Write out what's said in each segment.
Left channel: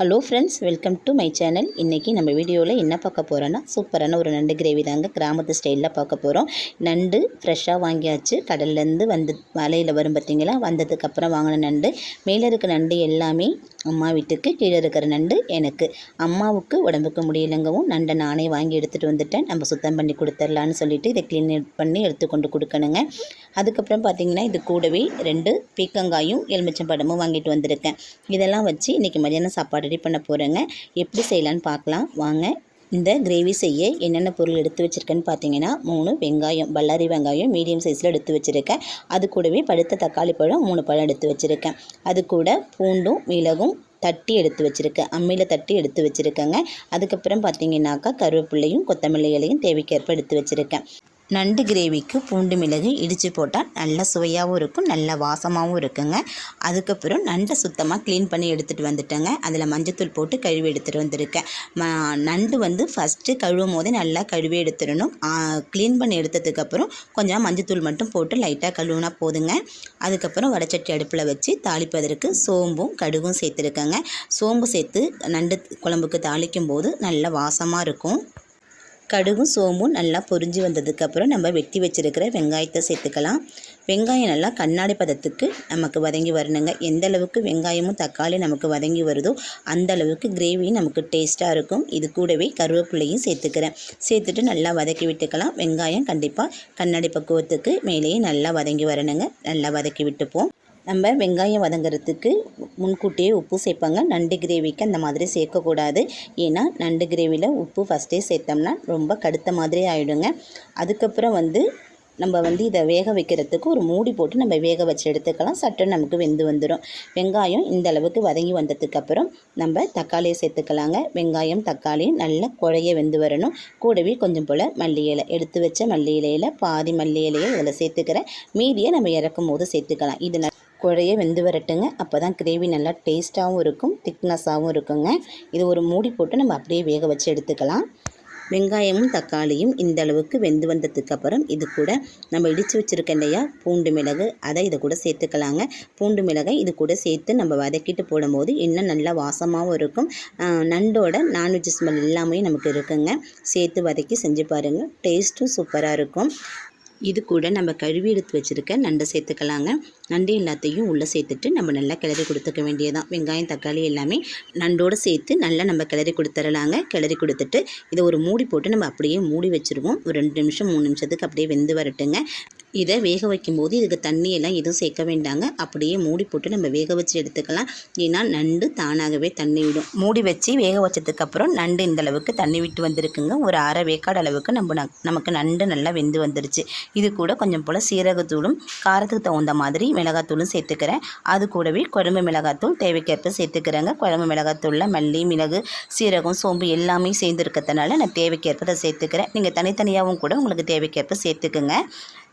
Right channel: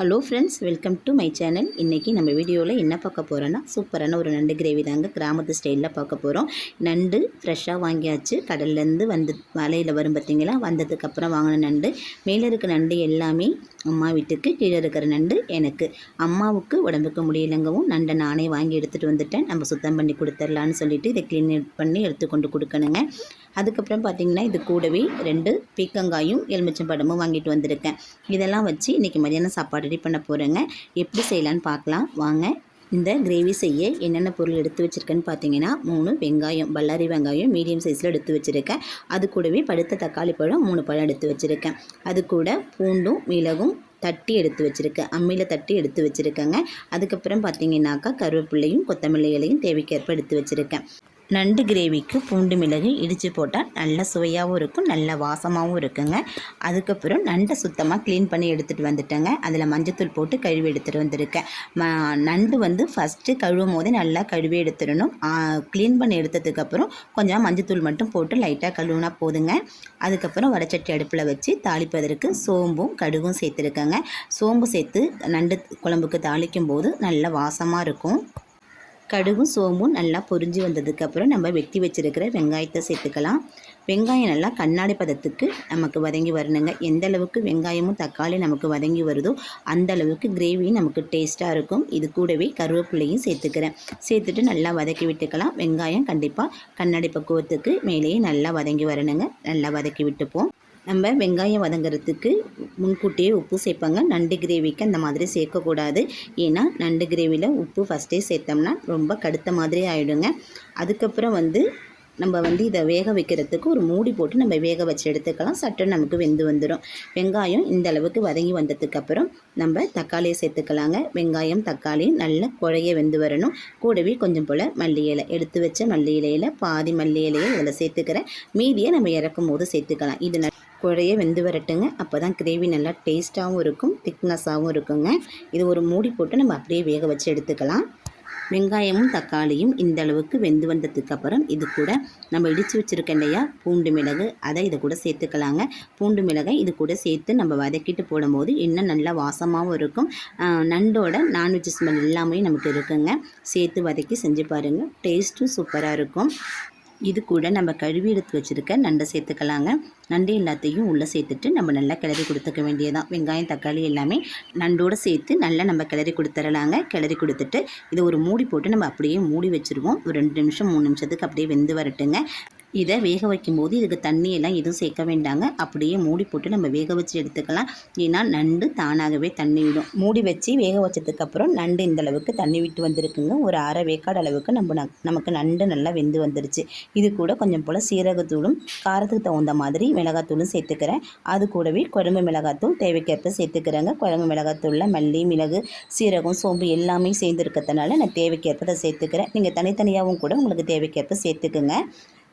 Hello friends, welcome to my channel. இன்றைக்கி நம்ம வீடியோவில் என்ன பார்க்க போகிறோன்னா, சூப்பரான ஒரு நண்டு கிரேவி தாங்க கிராமத்து ஸ்டைலில் பார்க்க போகிறோம். நண்டு ஃப்ரெஷ்ஷாக வாங்கியாச்சு, கடல்லேருந்து வந்து வலையில் வரும் பார்த்திங்களா, வந்ததுக்கப்புறம் வாங்கின நண்டு. மேலே இருக்க நண்டு எல்லாமே அம்மா வீட்டுக்கு, கீழே இருக்கிற நண்டு எனக்கு. அம்மாவுக்கு உடம்புக்கு முடியலைங்கவும் நண்டை நானே வாங்கி எடுத்துகிட்டு வந்துட்டேன். நம்ம சுத்தம் பண்ணி கொடுத்துர்லான்னு சொல்லிவிட்டு இதை க்ளீன் பண்ணி எடுத்துக்கொண்டு கொடுக்கணுங்க. அதுக்கப்புறம் பார்த்திங்கன்னா, இது கூடவே 2 பீக்கங்காயும் எலுமிச்சம்பழமும் வாங்கிட்டு வந்திருக்கேன். இதெல்லாம் வச்சு இன்றைக்கி மதியானம் சாப்பாடு ரெடி பண்ண போகிறேங்க. எப்படி செய்யலான்னு பார்க்கலாம் வாங்க. இந்த கிரேவி செய்ய என்னென்ன பொருள் எடுத்து வச்சுருக்கேன்னு பார்த்தீங்கன்னா, 3 வெங்காயம், பல்லாரி வெங்காயம் மீடியம் சைஸில் எடுத்து வச்சுருக்கேன். அது கூடவே பழுத்த தக்காளி பழம் 3 பழம் எடுத்து வச்சுருக்கேன். அது கூட பூண்டும் மிளகும் தட்டி எடுத்து வச்சுருக்கேன், அம்மியில் தட்டி எடுத்து வச்சுருக்கேங்க. அதுக்கப்புறம் பார்த்திங்கனாக்கா கருவேப்பிலையும் கொத்தமல்லி இலையும் தேவைக்கேற்ப எடுத்து வச்சுருக்கேன். நண்டு கிரேவிக்கு பூண்டு மிளகு இடித்து போட்டால் நல்ல சுவையாகவும் இருக்கும், நல்ல வாசமாகவும் இருக்குங்க. அதுக்கப்புறம் நண்டை சுத்தமாக க்ளீன் பண்ணி எடுத்துகிட்டு வந்துட்டேங்க. அதில் மஞ்சத்தூள் போட்டு கழுவி எடுத்துகிட்டு வந்திருக்கேன். நண்டு ஃபஸ்ட்டு கழுவும் போதே நல்லா கழுவி எடுத்துடணும். க்ளீன் பண்ணி எடுத்ததுக்கப்புறம் கொஞ்சம் மஞ்சத்தூள் மட்டும் போட்டு லைட்டாக கழுவுனா போதுங்க. அதுக்கப்புறம் வடச்சட்டி அடுப்பில் வச்சு தாளிப்பதற்கு சோம்பும் கடுகும் சேர்த்துருக்கேங்க. சோம்பு சேர்த்து நண்டு குழம்புக்கு தாளிக்கும் போது நல்ல வாசமாக இருக்கும். கடுகும் சோம்பும் நல்லா பொரிஞ்சு வந்ததுக்கப்புறம் நம்ம வெட்டி வச்சுருக்கிற வெங்காயத்தை சேர்த்துக்கலாம். வெங்காயம் நல்லா கண்ணாடி பதத்துக்கு நமக்கு வதங்கி வரணுங்க. எந்த அளவுக்கு வெங்காயமும் தக்காளி நமக்கு வதங்கி வருதோ அந்த அளவுக்கு கிரேவி நமக்கு டேஸ்ட்டாக இருக்கும். இது கூடவே கருவேப்பிலையும் சேர்த்துட்டு நல்லா வதக்கி விட்டுக்கலாம். வெங்காயம் கண்டிப்பாக கண்ணாடி பக்குவத்துக்கு மேலேயே நல்லா வதங்கி வரணுங்க. நல்லா வதக்கி விட்டுப்போம். நம்ம வெங்காயம் வதங்கிறதுக்கு முன்கூட்டியே உப்பு சேர்ப்பாங்க. நண்டு கிரேவிக்கு அந்த மாதிரி சேர்க்கக்கூடாது. ஏன்னா நண்டு கிரேவியில் உப்பு ஃபஸ்ட்டே சேர்த்தோம்னா ரொம்ப கடுத்த மாதிரி ஆகிடுங்க. அதுக்கப்புறம் நம்ம இதை வேக வைக்கிறதுக்கு ஒரு மூடி போட்டு நம்ம வேக வச்சு எடுத்துக்கலாம். சட்டு நமக்கு வெந்து வந்துடும். வெங்காயம் இந்த அளவுக்கு வதங்கி வந்ததுக்கப்புறம் நம்ம தக்காளியை சேர்த்துக்கலாங்க. வெங்காயம் தக்காளி நல்லா குழைய வெந்து வரணும். கூடவே கொஞ்சம் போல் மல்லி இலை, எடுத்து வச்ச மல்லி இலையில் பாதி மல்லி இலையை இதில் சேர்த்துக்கிறேன். மீதியை நம்ம இறக்கும் போது சேர்த்துக்கலாம். இது குழைய வெந்து வரட்டுங்க. அப்போ தான் கிரேவி நல்லா டேஸ்ட்டாகவும் இருக்கும், திக்னஸாகவும் இருக்குங்க. இது ஒரு மூடி போட்டு நம்ம அப்படியே வேக வச்சு எடுத்துக்கலாம். வெங்காயமும் தக்காளியும் இந்த அளவுக்கு வெந்து வந்ததுக்கப்புறம் இது கூட நம்ம இடித்து வச்சுருக்க இல்லையா பூண்டு மிளகு, அதை இதை கூட சேர்த்துக்கலாங்க. பூண்டு மிளகை இது கூட சேர்த்து நம்ம வதக்கிட்டு போடும்போது இன்னும் நல்லா வாசமாகவும் இருக்கும். நண்டோட நான்வெஜ் ஸ்மெல் எல்லாமே நமக்கு இருக்குங்க. சேர்த்து வதக்கி செஞ்சு பாருங்கள், டேஸ்ட்டும் சூப்பராக இருக்கும். இது கூட நம்ம கழுவி எடுத்து வச்சுருக்க நண்டை சேர்த்துக்கலாங்க. நண்டு எல்லாத்தையும் உள்ளே சேர்த்துட்டு நம்ம நல்லா கிளறி கொடுத்துக்க வேண்டியதான். வெங்காயம் தக்காளி எல்லாமே நண்டோடு சேர்த்து நல்லா நம்ம கிளறி கொடுத்துடலாங்க. கிளறி கொடுத்துட்டு இதை ஒரு மூடி போட்டு நம்ம அப்படியே மூடி வச்சுருவோம். ஒரு 2 நிமிஷம் 3 நிமிஷத்துக்கு அப்படியே வெந்து வரட்டுங்க. இதை வேக வைக்கும்போது இதுக்கு தண்ணியெல்லாம் எதுவும் சேர்க்க வேண்டாங்க. அப்படியே மூடி போட்டு நம்ம வேக வச்சு எடுத்துக்கலாம். ஏன்னா நண்டு தானாகவே தண்ணி விடும். மூடி வச்சு வேக வச்சதுக்கப்புறம் நண்டு இந்தளவுக்கு தண்ணி விட்டு வந்திருக்குங்க. ஒரு அரை வேக்காடு அளவுக்கு நமக்கு நண்டு நல்லா வெந்து வந்துருச்சு. இது கூட கொஞ்சம் போல் சீரகத்தூளும் காரத்துக்கு தகுந்த மாதிரி மிளகாத்தூளும் சேர்த்துக்கிறேன். அது கூடவே குழம்பு மிளகாத்தூள் தேவைக்கேற்ப சேர்த்துக்கிறேங்க. குழம்பு மிளகாத்தூளில் மல்லி, மிளகு, சீரகம், சோம்பு எல்லாமே சேர்ந்துருக்கிறதுனால நான் தேவைக்கேற்ப அதை சேர்த்துக்கிறேன். நீங்கள் தனித்தனியாகவும் கூட உங்களுக்கு தேவைக்கேற்ப சேர்த்துக்குங்க.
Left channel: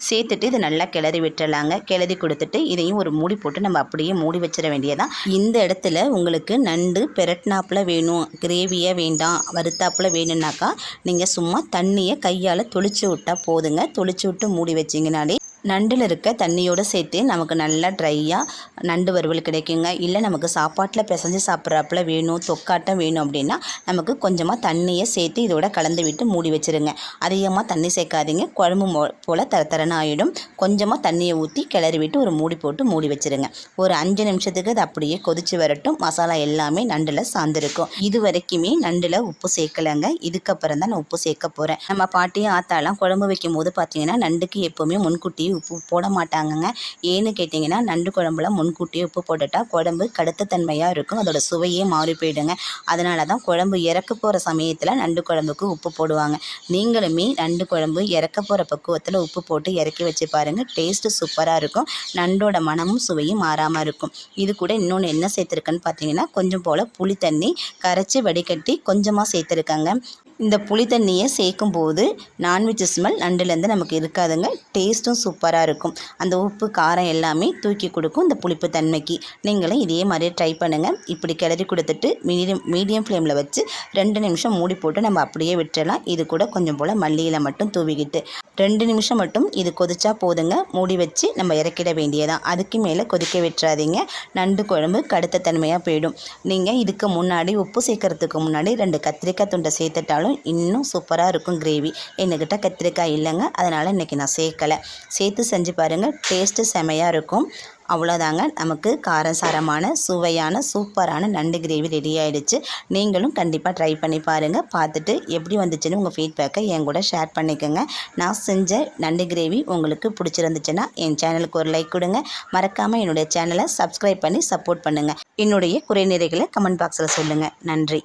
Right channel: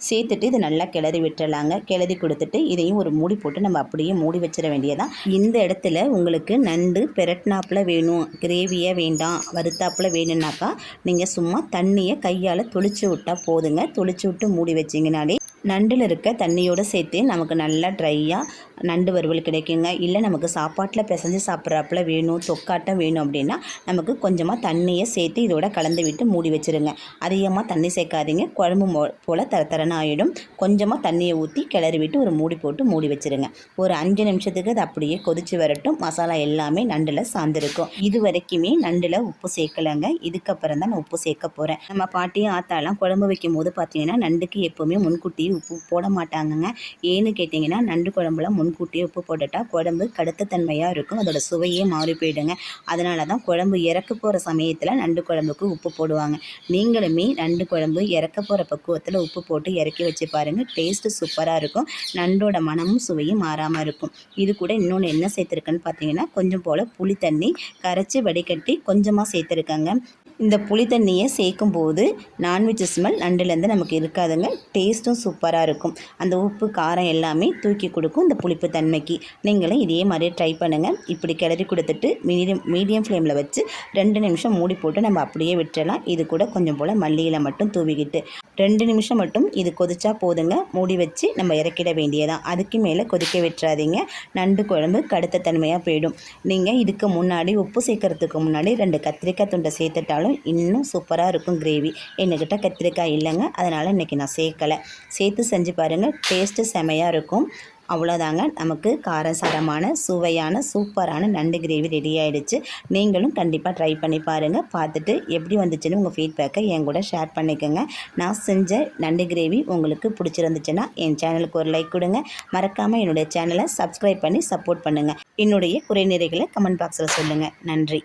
சேர்த்துட்டு இதை நல்லா கிளறி விட்டுறலாங்க. கிளறி கொடுத்துட்டு இதையும் ஒரு மூடி போட்டு நம்ம அப்படியே மூடி வச்சிட வேண்டியதான். இந்த இடத்துல உங்களுக்கு நண்டு பெரட்னாப்பில் வேணும், கிரேவியாக வேண்டாம், வறுத்தாப்பில் வேணும்னாக்கா நீங்கள் சும்மா தண்ணியை கையால் தொளிச்சு விட்டால் போதுங்க. தொளிச்சு விட்டு மூடி வச்சிங்கனாலே நண்டில் இருக்க தண்ணியோடு சேர்த்து நமக்கு நல்லா ட்ரையாக நண்டு வறுவல் கிடைக்குங்க. இல்லை நமக்கு சாப்பாட்டில் பிசைஞ்சு சாப்பிட்றாப்புல வேணும், தொக்காட்டம் வேணும் அப்படின்னா நமக்கு கொஞ்சமாக தண்ணியை சேர்த்து இதோட கலந்து விட்டு மூடி வச்சுருங்க. அதிகமாக தண்ணி சேர்க்காதீங்க, குழம்பு போல் தரன்னு ஆகிடும். கொஞ்சமாக தண்ணியை ஊற்றி கிளறி விட்டு ஒரு மூடி போட்டு மூடி வச்சுருங்க. ஒரு 5 நிமிஷத்துக்கு அது அப்படியே கொதித்து வரட்டும். மசாலா எல்லாமே நண்டில் சார்ந்திருக்கும். இது வரைக்குமே நண்டில் உப்பு சேர்க்கலைங்க. இதுக்கப்புறம் தான் நான் உப்பு சேர்க்க போகிறேன். நம்ம பாட்டியும் ஆத்தாலாம் குழம்பு வைக்கும் போது பார்த்தீங்கன்னா நண்டுக்கு எப்போவுமே முன்கூட்டியே உப்பு போட மாட்டாங்கங்க. ஏன்னு கேட்டிங்கன்னா நண்டு குழம்புல முன்கூட்டியே உப்பு போட்டுட்டால் குழம்பு கடுத்த தன்மையாக இருக்கும், அதோட சுவையே மாறி போயிடுங்க. அதனால தான் குழம்பு இறக்க போகிற சமயத்தில் நண்டு குழம்புக்கு உப்பு போடுவாங்க. நீங்களுமே நண்டு குழம்பு இறக்க போகிற பக்குவத்தில் உப்பு போட்டு இறக்கி வச்சு பாருங்கள், டேஸ்ட்டு சூப்பராக இருக்கும். நண்டோட மனமும் சுவையும் மாறாமல் இருக்கும். இது கூட இன்னொன்று என்ன சேர்த்துருக்கேன்னு பார்த்தீங்கன்னா, கொஞ்சம் போல் புளி தண்ணி கரைச்சி வடிகட்டி கொஞ்சமாக சேர்த்துருக்காங்க. இந்த புளி தண்ணியை சேர்க்கும்போது நான்வெஜ் ஸ்மெல் நண்டுலேருந்து நமக்கு இருக்காதுங்க. டேஸ்ட்டும் சூப்பராக இருக்கும். அந்த உப்பு காரம் எல்லாமே தூக்கி கொடுக்கும் இந்த புளிப்பு தன்மைக்கு. நீங்களும் இதே மாதிரி ட்ரை பண்ணுங்கள். இப்படி கிளறி கொடுத்துட்டு மீடியம் ஃப்ளேமில் வச்சு 2 நிமிஷம் மூடி போட்டு நம்ம அப்படியே விட்டுறலாம். இது கூட கொஞ்சம் போல் மல்லியில் மட்டும் தூவிக்கிட்டு 2 நிமிஷம் மட்டும் இது கொதிச்சா போதுங்க. மூடி வச்சு நம்ம இறக்கிட வேண்டியதான். அதுக்கு மேலே கொதிக்க விட்டுறாதீங்க. நண்டு குழம்பு கடுத்த தன்மையாக போயிடும். நீங்கள் இதுக்கு முன்னாடி உப்பு சேர்க்கறதுக்கு முன்னாடி 2 கத்திரிக்காய் துண்டை சேர்த்துட்டாலும் இன்னும் சூப்பராக இருக்கும் கிரேவி. எங்ககிட்ட கத்திரிக்காய் இல்லைங்க, அதனால் இன்றைக்கி நான் சேர்க்கலை. சேர்த்து செஞ்சு பாருங்கள், டேஸ்ட்டு செமையாக இருக்கும். அவ்வளோதாங்க, நமக்கு காரசாரமான சுவையான சூப்பரான நண்டு கிரேவி ரெடி ஆகிடுச்சு. நீங்களும் கண்டிப்பாக ட்ரை பண்ணி பாருங்கள். பார்த்துட்டு எப்படி வந்துச்சுன்னு உங்கள் ஃபீட்பேக்கை என் கூட ஷேர் பண்ணிக்கோங்க. நான் செஞ்ச நண்டு கிரேவி உங்களுக்கு பிடிச்சிருந்துச்சுன்னா என் சேனலுக்கு ஒரு லைக் கொடுங்க. மறக்காமல் என்னுடைய சேனலை சப்ஸ்கிரைப் பண்ணி சப்போர்ட் பண்ணுங்கள். என்னுடைய குறைநிறைகளை கமெண்ட் பாக்ஸில் சொல்லுங்கள். நன்றி.